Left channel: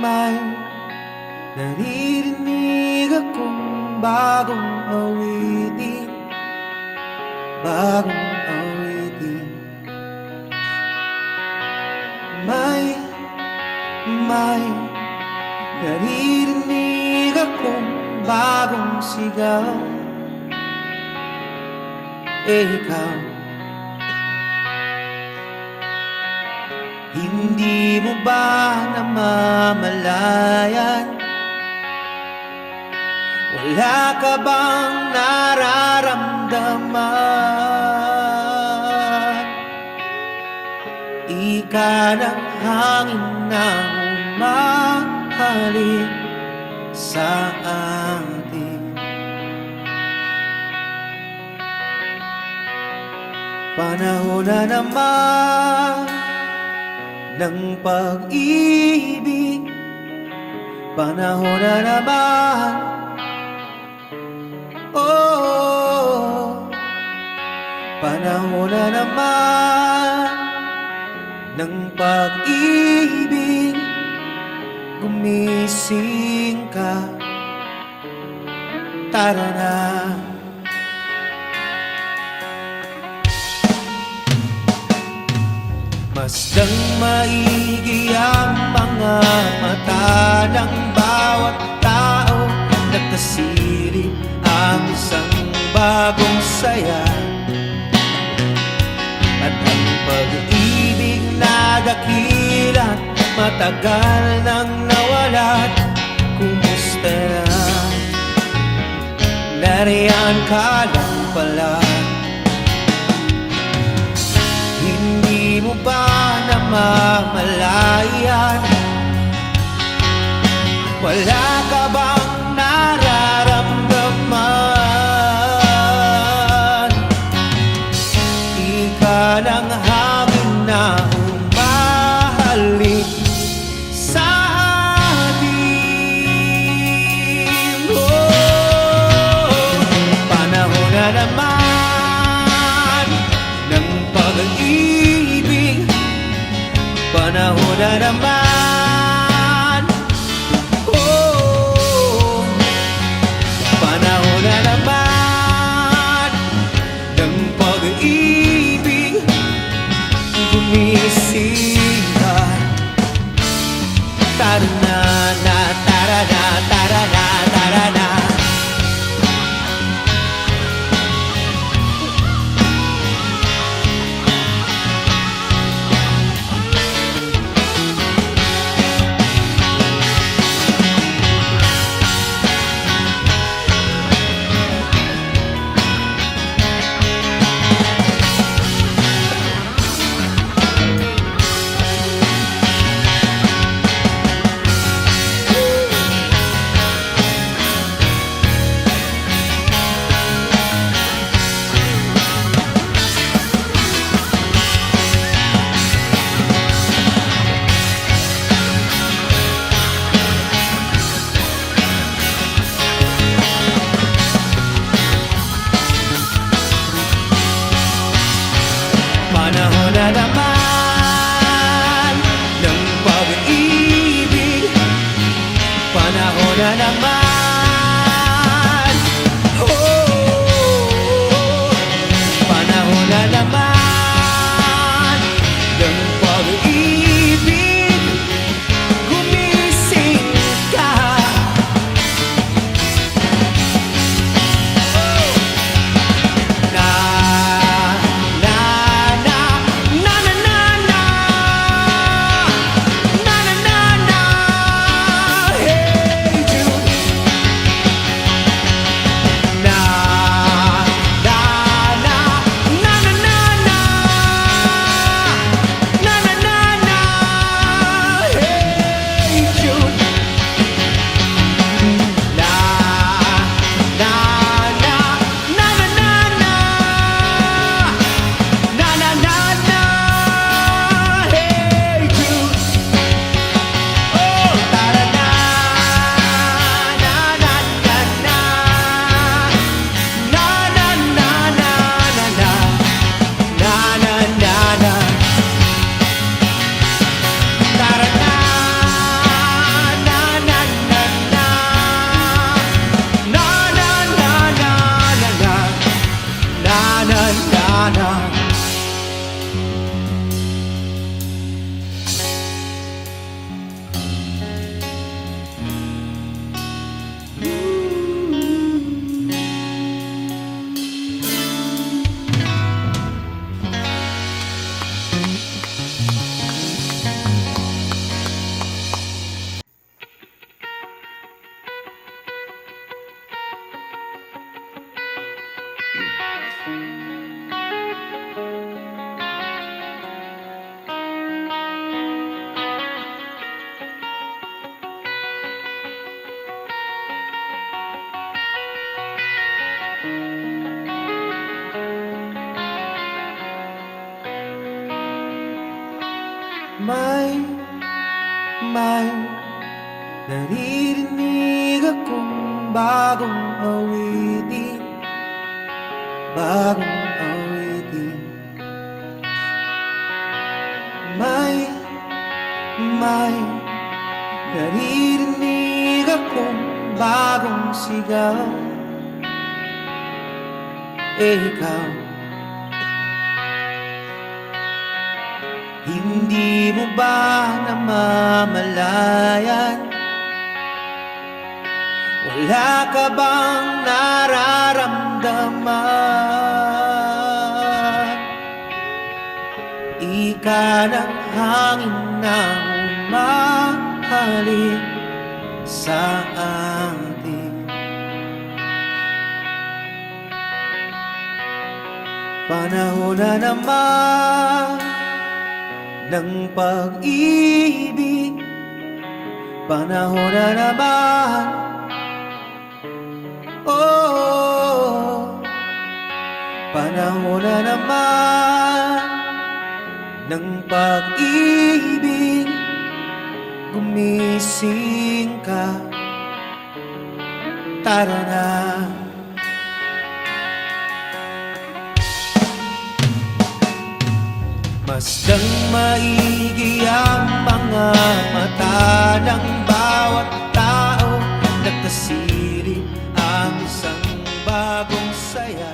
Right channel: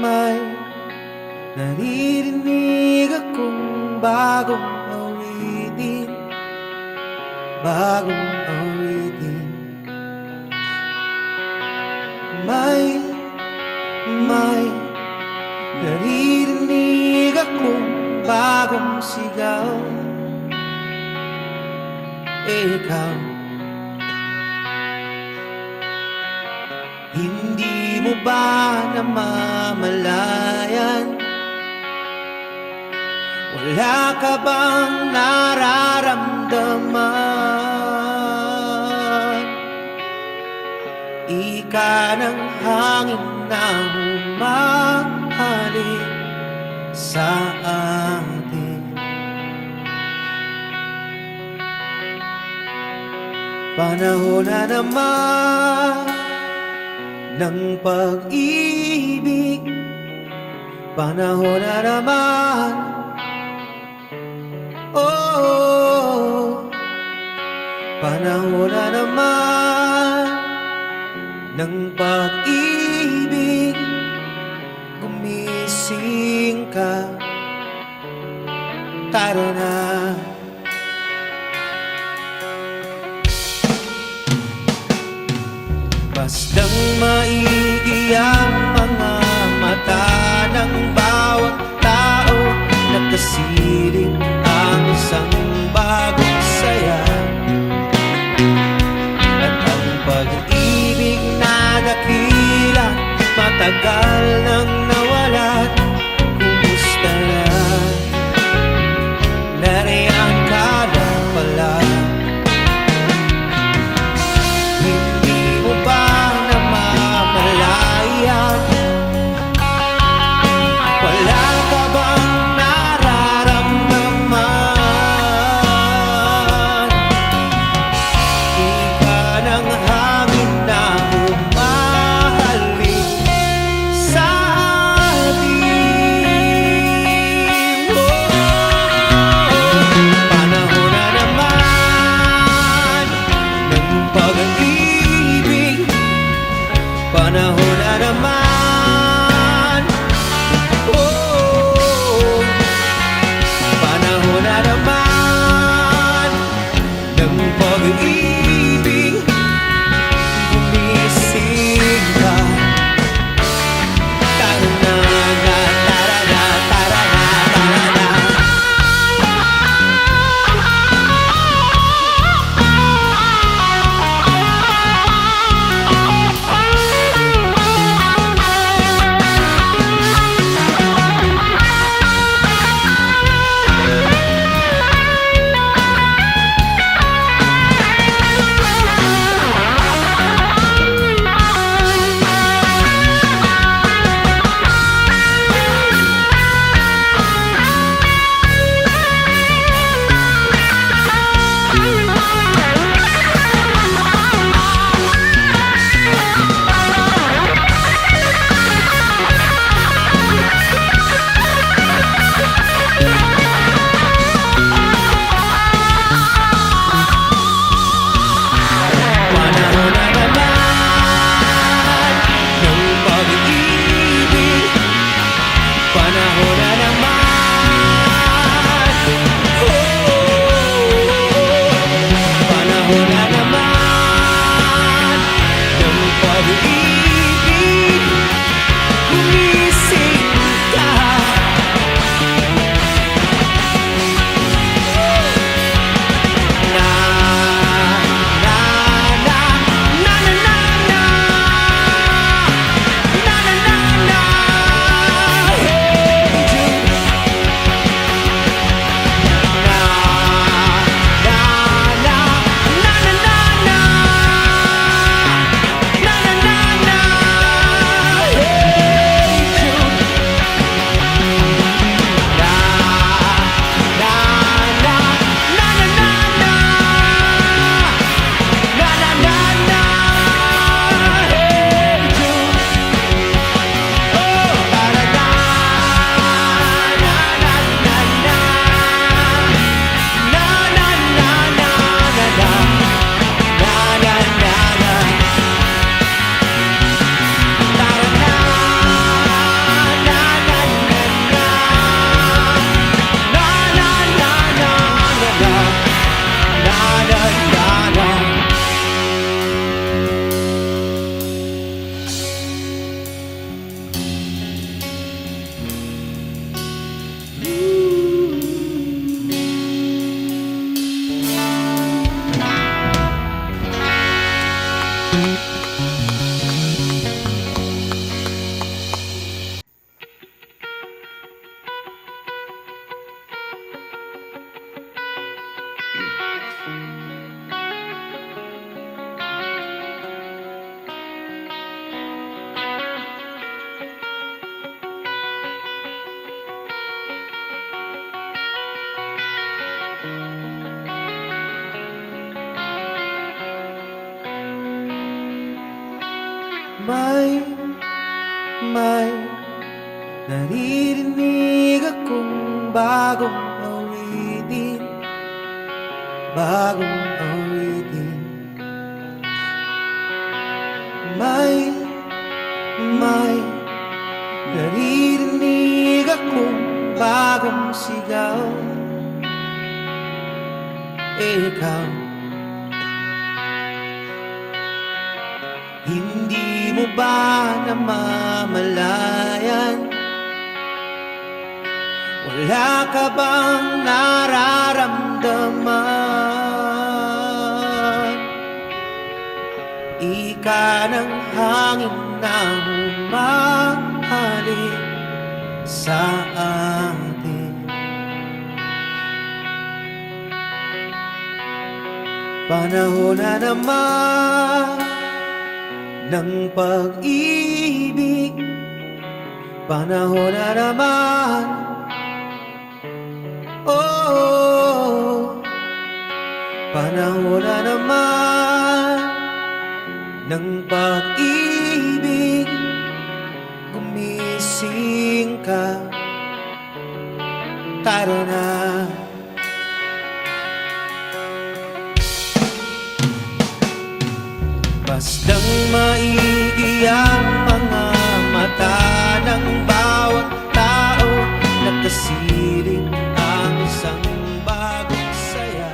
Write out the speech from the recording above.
may naririnig akong bagong awitin, bagong awitin. May naririnig akong bagong sigaw. Ikaw, hindi mo ba namamalayan? Wala ka bang nararamdaman? Ika ng hangin na humahalik sa atin. Panahon na naman ng pag-ibig, panahon na naman, oh, panahon na naman ng pag-ibig. Gumising ka, tara na. Masdang maigi ang mga mata ng bawat tao. Nagkasilip ang isang bagong saya, at ang pag-ibig na dakilat matagal nang nawalat. Kumusta na? Nariyan ka lang pala. Hindi mo ba namamalayan? Wala ka bang nararamdaman? Ika ng hangin na humahalik sa atin. Oh, panahon na naman ng pag-ibig, panahon na naman, oh, panahon na naman ng pag-ibig. Gumising ka, tara na, tara na, tara na, tara na. Panahon na naman ng pag-ibig, panahon na naman, oh, panahon na naman ng pag-ibig. Gumising ka, na May naririnig akong bagong awitin, bagong awitin. May naririnig akong bagong sigaw. Ikaw, hindi mo ba namamalayan? Wala ka bang nararamdaman? Ika ng hangin na humahalik sa atin. Panahon na naman ng pag-ibig, panahon na naman, oh, panahon na naman ng pag-ibig. Gumising ka, tara na. Masdang maigi ang mga mata ng bawat tao, nakasilip ang isang bagong saya.